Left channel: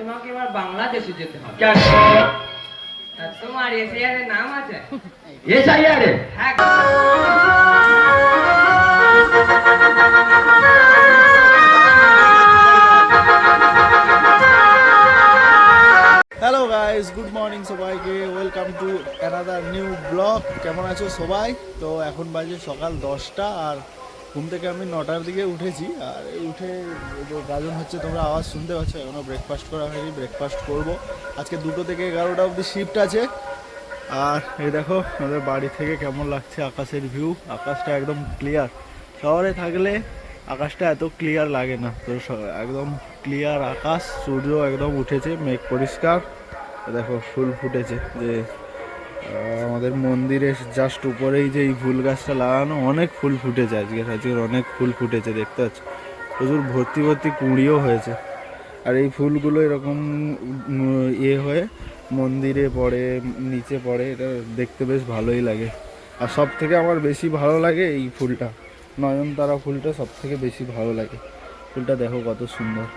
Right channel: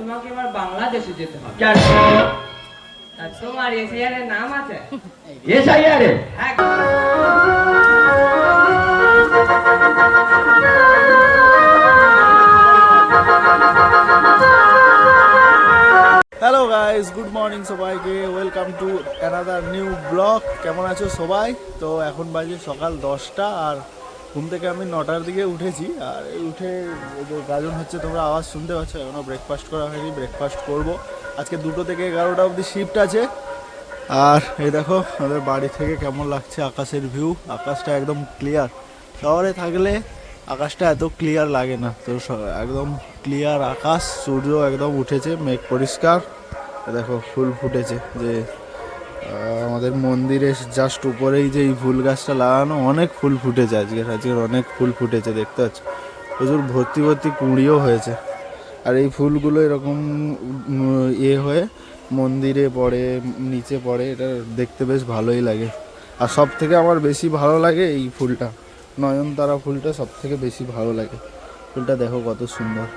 তোমাকে এবার বাংলাদেশে যেতে হবে। কেন? আর তোমার এসআইআর এর নাম আছে? এসআইআর এ? হ্যাঁ। হ্যালো গাইস, গুড মর্নিং সবাইকে। Welcome to another new blog. কেমন আছো সবাই? তো এখন বাজে সকাল 10টা আর ঘুম থেকে আমি 9টার দিকে উঠেছি। আর উঠে গাজন হচ্ছে, তোমরা আওয়াজ শুনতে পাচ্ছ। এখনও ব্রেকফাস্ট করা হয়নি, ব্রেকফাস্ট করব। আজকে 2টো থেকে 11টা অবধি শিফট আছে। আর এই দেখো আমাদের বাড়ি থেকে কেমন লাগছে আকাশের ভিউ। আকাশটা একদম ক্লিয়ার। শহরে থাকলে আকাশটা এত ক্লিয়ার লাগে না, তো একদম ক্লিয়ার আকাশ, সূর্য একদম উঠেছে, মেঘ পরিষ্কার। দেখো ফুল ফুটেছে, যে আমাদের মন্দিরের জাস্ট উপরেই যে এই ফুল গাছটা লাগানো, অনেক ফুল ফুটেছে আজকের অনেক ফুল ফুটেছে, দেখতে পাচ্ছ। প্রচুর ভর্তি ভর্তি কুঁড়িও হয়েছে। আর এই ফুলগুলো এরকম হয়ে মন্দিরে পড়ে, নিচে পড়ে, এটা দেখতে বেশ ভালোই লাগে। আর সব থেকে আমার বেশি ভালো লাগে এই ফুলটা, নয়নতারা ফুলটা সব থেকে বেশি ভালো লাগে। ফুলটা দেখো কত সুন্দর।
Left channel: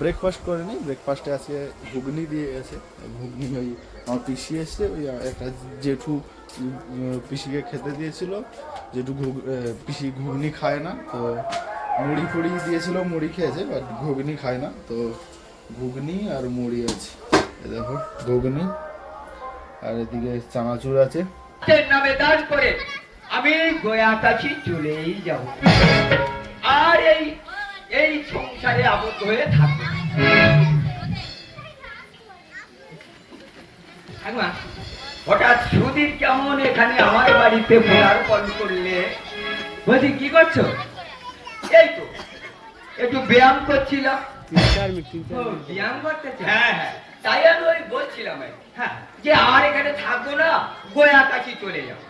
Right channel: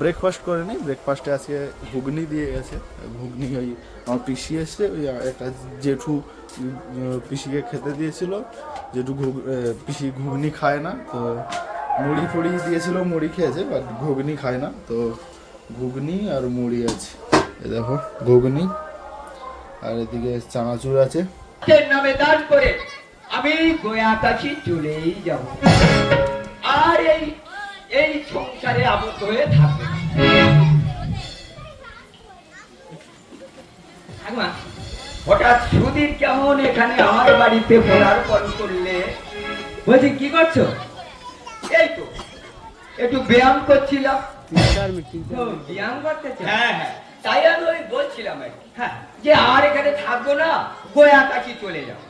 ব্রেকফাস্ট করে নিই। ব্রেকফাস্টে আজকে ঘুগনি দিয়ে গেছে। ঘুগনি ওই আমার পিসি এসছে, ওই একটা জেঠু পিসিকে খেতে দিয়েছিল। জেঠু পিসি ঘুগনি খায় না, তো মুড়ি ফুড়ি দিয়েছিল, মুড়ি খেয়েছে, বাট ঘুগনি খায় না। তো ঘুগনি আর মুড়ি আছে, এ দেখো ঘুগনি। আর এদিকে চানাচুর আছে। নামে দান করে আমি গয়া কাছি চলেই যাব, আর এই সংসারে আবদ্ধ হয়ে থাকবো। হঠাৎ সুধীর কেমন এখানে আমার বাড়িতে পদার্পণ করলে? বলছি কি করছো? এই তো একটু ব্যায়াম করছিলাম। ব্যায়াম করতেছে? হ্যাঁ হ্যাঁ, তাই আমি ওই বলছিলাম হ্যাঁ যে আর এখানে থাকবো না, গয়া কাছি চলে যাও।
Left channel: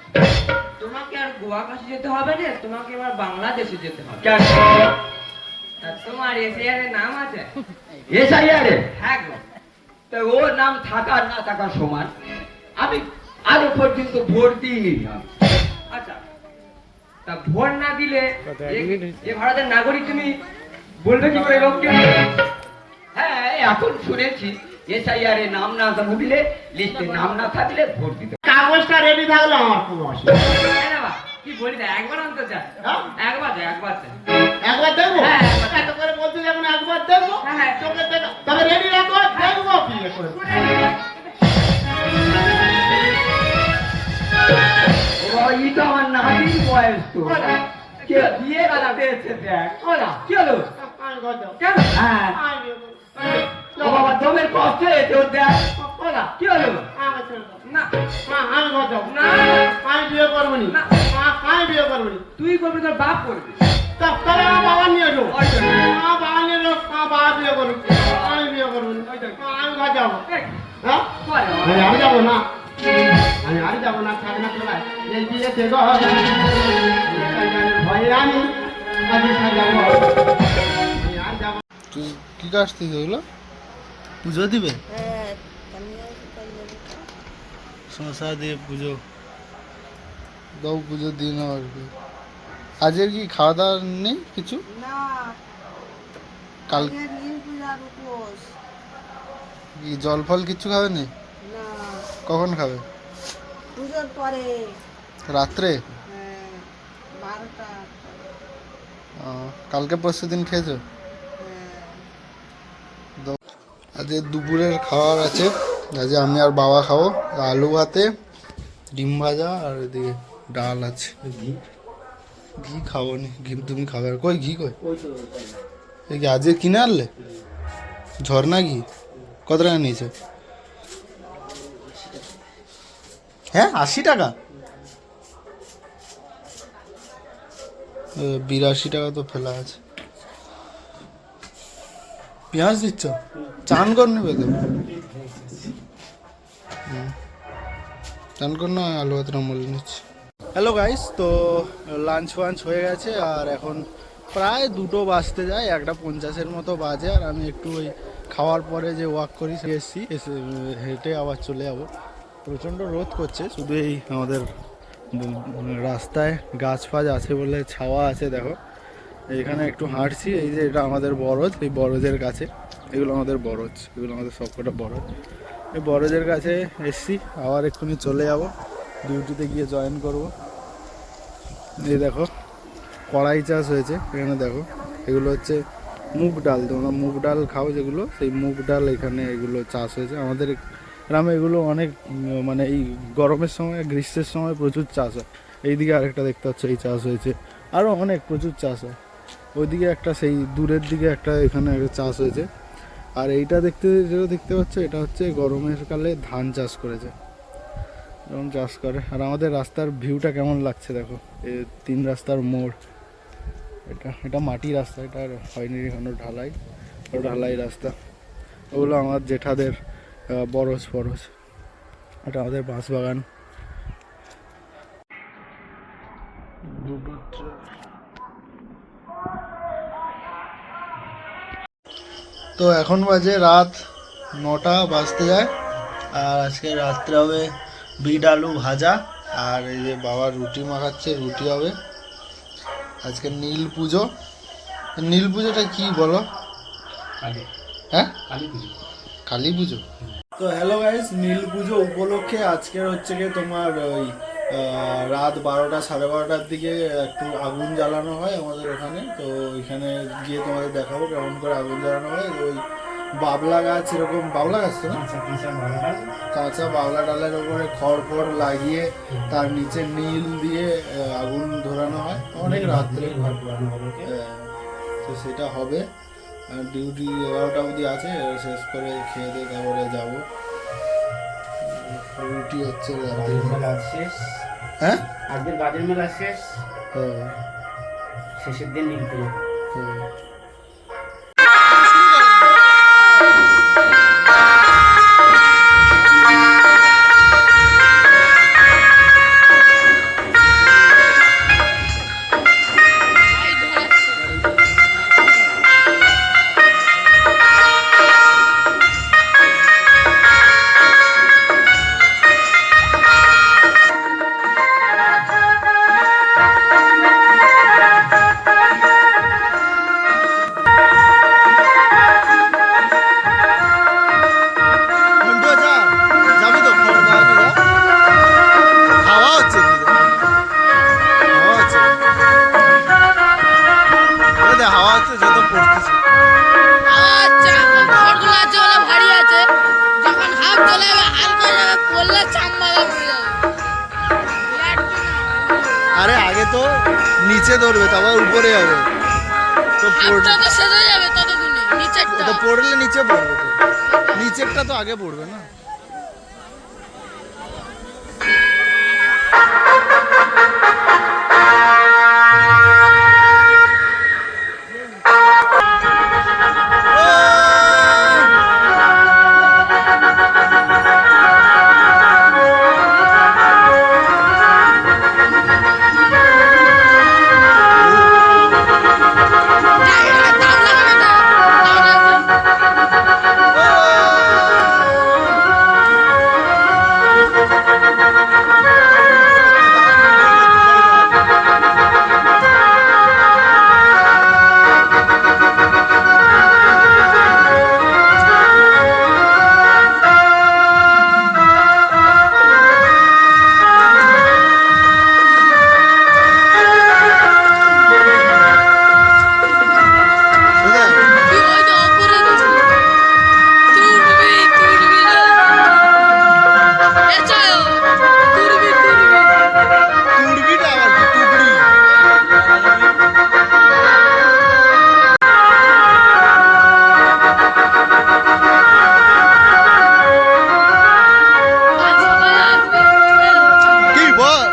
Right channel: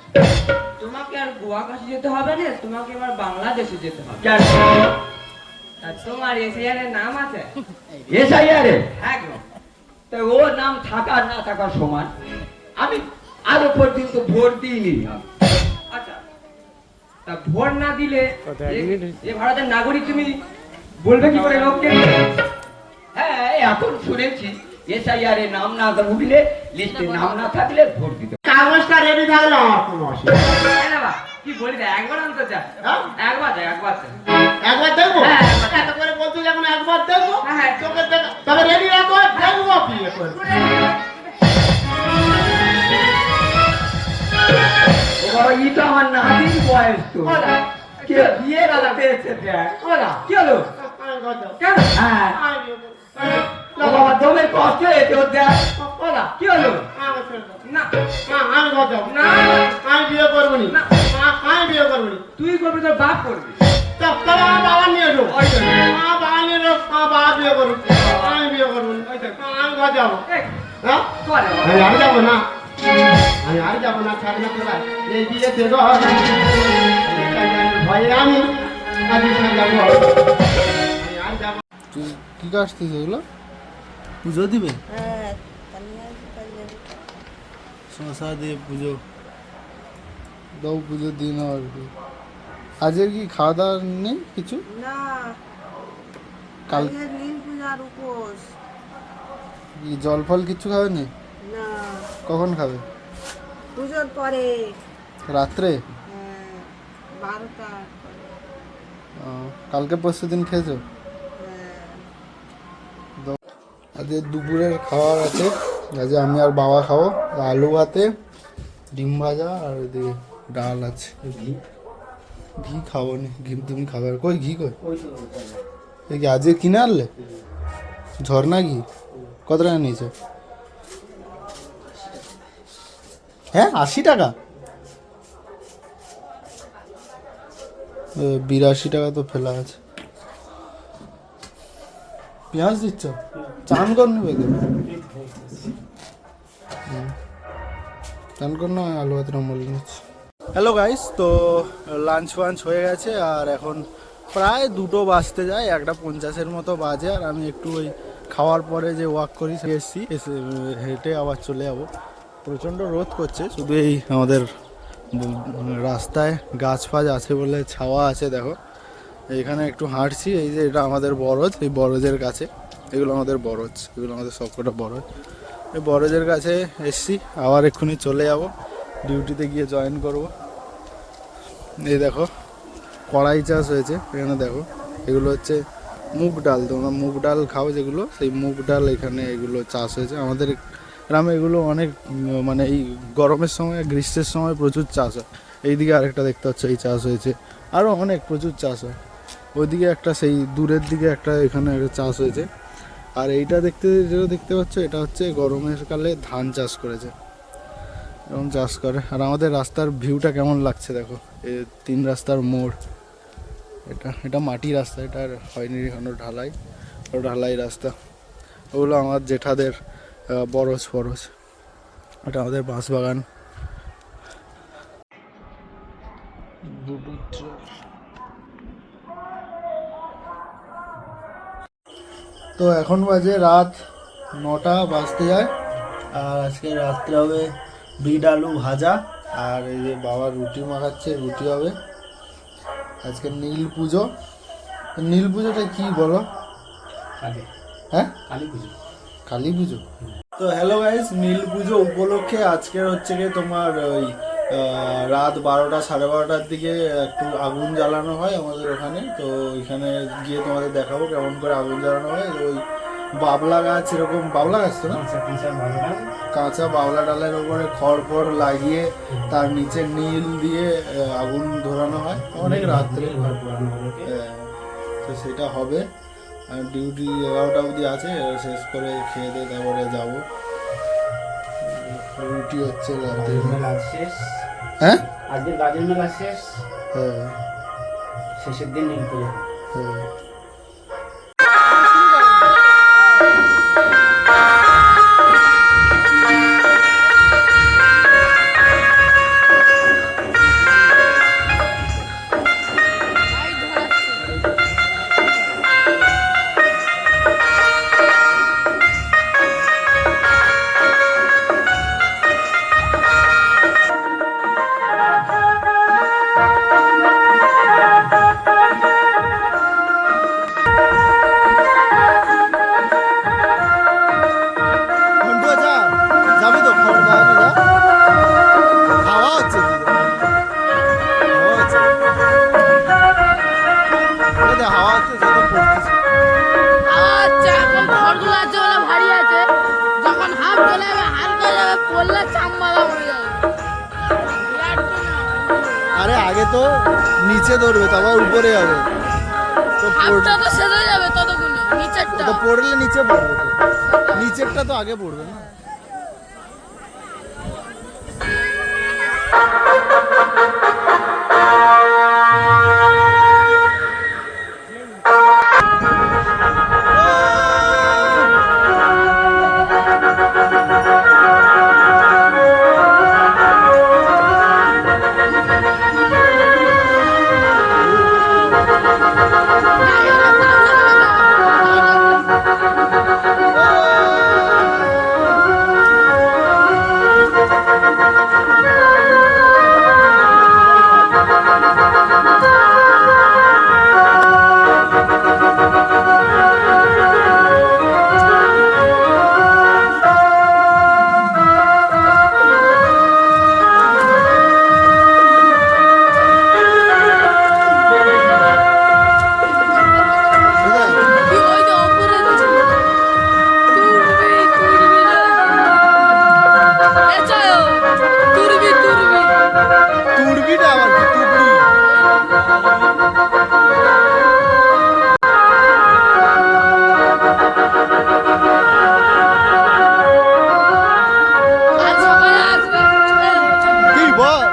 তোমাকে আর গোয়া কাছে যেতে হবে না, তোমাকে এবার বাংলাদেশে যেতে হবে। কেন? আর তোমার এসআইআর এর নাম আছে? এসআইআর এ? হ্যাঁ গো। তো ওর নাম থাকা না থাকার সমান। আমি আরো পর্যন্ত ভোট দিইনি। আচ্ছা, তা ভোট না দিলে এ ভারতের নাগরিক তুমি বলবে কি করে লোককে? হ্যাঁ, এখন শুনেছি এসআইআর এ নাম না উঠলে, লিস্টে নাম না থাকলে ভোট দিতে। কাগজটা রেডি থাকলে আমার কোনো অসুবিধা নেই। হ্যাঁ না বা, কি বলি না, একবার আনতে চাই। একবার দেয়, একবার দেয়। একবার দেখবো? হ্যাঁ, একবার এত করে বলতে যখন একবার দেখবো, হ্যাঁ, হ্যাঁ। চোখে দেখা তবে রেডি রাখো, দেখবো কি করে। ই তো আমার নাতির বয়স তো। কে বিয়ে বেলা পেয়েছে দেখ। কি হলো? কেন? হ্যাঁ, ও বাবা দমে কষ্ট হয়েছে ওর দেখ। কি হলো? না, আমি কথা না, আমি বিয়ে করবো নি, আমি বিয়ে করবো নি। তুই করবি, তোর বাপ করবি। তবে আমার বাবা নিয়ে এসো, ওই তো। আমার বাবা নিয়ে এসো, আমার বাবা বিয়ে করবো, আমি বিয়ে করবো নি। আমি ঘর যাবো। এই, হ্যাঁ, করে বাবা। আমি আর যাবো না, আমি আর যাবো না, থাক না তোরা এই দিয়ে দেবো ভয়ে আমি যাবো, আমি আর যাবো। তুই কি কাটছিস এগুলো? পুজো দিবে? শশা দিয়ে পুজো দাও, পুজো দিয়ে নাও আর কি। আজকের কি খাওয়া দাওয়া নেই কিছু? না, কাল আজকে নীল পূজার উপোস। কি জল ফল কিছু খাবে না? না, কখন খাবে? পুজোর পরে। রাত্রে? হ্যাঁ, 12টা। কালকে পরশু দিন খেয়েছো? হ্যাঁ। আজকে দুপুরের খাবার আছে, আজকে আমি আর বাবা খাবো। আলু ভাতে, ডিম ভাজা, আর এদিকে ডাল আছে। ঘি খাবো নি, ঘি তুমি খাবে? কই ঘি কই? এই কি আজকে কিনে আনলে? ঝর্ণা ঘি কত টাকা নিয়েছে? হ্যাঁ, 80 টাকা? 82 টাকা তো ফেলা আছে। পেঁয়াজ দিচ্ছ? চান কর নেবে তো? চান কর না, আলু ভাতের আমল নিচ্ছি। হ্যালো গাইস, তো লাঞ্চ ফাঞ্চ হয়ে গেছে আর এখন প্রায় 2টো বাজতে যায়, 1:50 মতো বাজে। আর আমি একটু ওই খাওয়ার পরে যে ওয়াক করি এসছি, হেঁটে আবার চলে যাবো। প্রচণ্ড রোদ করছে, শুধু এই আমাদের রাস্তায় গাছ ফাছ আছে বলে ছাওয়া আছে। দেখো এখানে একটু হাঁটছি। এই যে এটা আমাদের বরজ, এই বরজের কাছে এগুলো আমাদের বরজ, এগুলো আমাদের সবকটা বরজ। এই বরজের কাছে এসছি, আবার এক্ষুনি চলে যাব ডিউটিতে গিয়ে জয়েন করব। এই দেখো কড়াই চাষ হয়েছে এখানে, দেখো এগুলো হচ্ছে মুগ ডাল, তোমরা মুগ ডাল খাও যেগুলো, সেই মুগ ডাল এখানে এগুলো চাষ হয়েছে। আমাদের গ্রামে এগুলো অনেক মানে এই গরমের সময় গ্রীষ্মের সময় প্রচুর চাষ হয়। এইদিকে আরেকটা দেখতে পাচ্ছ এই চাষ হয়েছে, আরও অনেক প্রচুর চাষ হয়। ওইদিকে একটা, সেই দূরের দিকে একটা এখানে একটা চাষ হয়েছে। আর এইটা যেটা দেখতে পাচ্ছ এটা হচ্ছে গরমের কালে ধান চাষ করেছে, এরকম চাষ করে। আর আমাদের রাস্তার ভিউটা কেমন লাগছে দেখো, এই 3 রাস্তার মোড়। এটা মাটি রাস্তা, এটা হয়নি এখনো ঢালাই, ঢালাই রাস্তা। ওগুলো আমার জেঠাদের বরজ ফরজ। এটা আমাদের বাঁশবাগান। তো এখন বাজে রাত 9টা বাজতে যায়। আর আজকে রাত্রে হবে বিট আলু ভাজা, আর এই যে বাবা রুটি মাখাচ্ছে, রুটি হবে। আজকে নীল পুজো। নীল পুজোটা কি বলো? হ্যাঁ, কালী পুজো। তো হ্যালো গাইস, নীল পুজো উপলক্ষে আজকের হচ্ছে গিয়ে তোমার ওই রাত 12টা 12:30টার দিকে একটু আগুন জ্বালানো হয় আমাদের ওখানে। তো ওইখানে গিয়ে তোমাদের দেখাবো কেমন করে আগুন জ্বালানো হয়। ওই বাবলা গাছ, এরকম বাবলা গাছ তো না, কাঁচা বাবলা ডালের উপরে খড় লাগিয়ে তার নিচে নীল দিয়ে আগুন ধরানো হয় অনেক রাত্রে। তো সেটা হবে। ডিউটি 11টা অবধি আছে, শেষ করে খেয়ে দিয়ে তারপরে যাবো। রুটি হচ্ছে রাতে। হ্যাঁ, আজকের গাজর মেলা শেষ, হ্যাঁ, শেষের দিন নীল পুজো। হ্যাঁ। যাবি তো খড় খাওয়াবি না? হাওয়া হচ্ছে কি, হাওয়া হচ্ছে, হাওয়া হচ্ছে যত পড়তেছে। আচ্ছা, এখন খড়গুলো আছে ওরা ভারী আছে, যখন হাফ চলে যাবে হালকা যাবে, পড়লে চাম্মা হয়ে যাবে। আরে আগে তো নিচে ধরবে, তারপর উপরে যাবে। তো হাফটা তো সেরে যাবে ততক্ষণে, নিচেরটা তো পড়লে নিচে পড়বে, তো নিচেরটা তো আগে পড়বে না। দাম লাগাবে না, ওই যে অপরে তুরবি তুরবি এচাও তুরবি তুরবি তুড়বিটা আবার কি, তুবড়ি? আজ সকালে আসবে কি বল?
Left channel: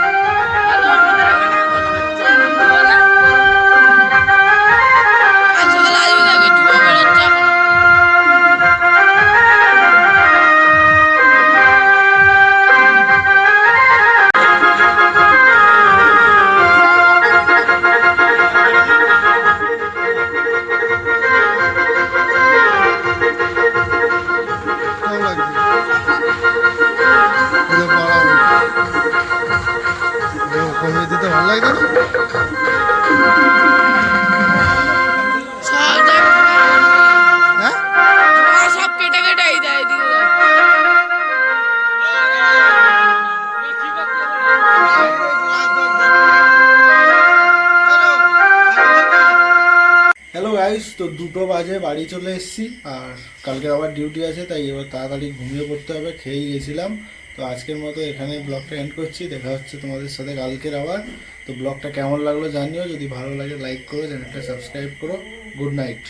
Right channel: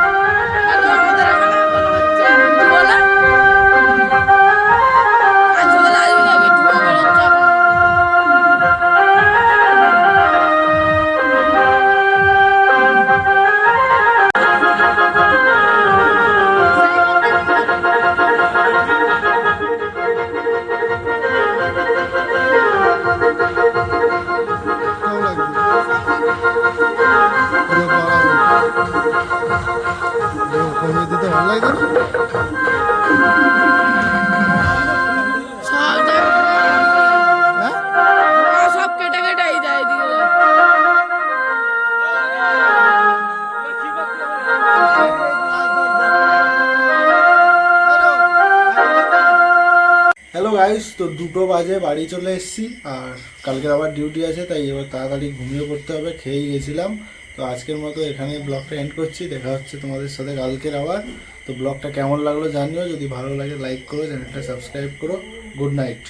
আজ সকালে আসবে, দেখবে ধুয়ে বেরোচ্ছে এখন। কেমন লাগছে? এই যে বাড়াবো, কমিয়ে দিতে ভালো লাগে না? গাইস, তো 2টো বাজে বাড়ি চলে এসেছি, আর কালকের আবার ডিউটি আছে, তাই এবার তাড়াতাড়ি ঘুমিয়ে পড়তে হবে। খেয়েই গেছিলাম। তো আজকের মতো এখানে ব্লগটা এন্ড করছি। দেখা হচ্ছে তোমাদের সাথে কালকের আবার। তো ব্লগটা কেমন লাগলো জানিও, যদি ভালো লাগে লাইক করো, চ্যানেলটা সাবস্ক্রাইব করো। Good night.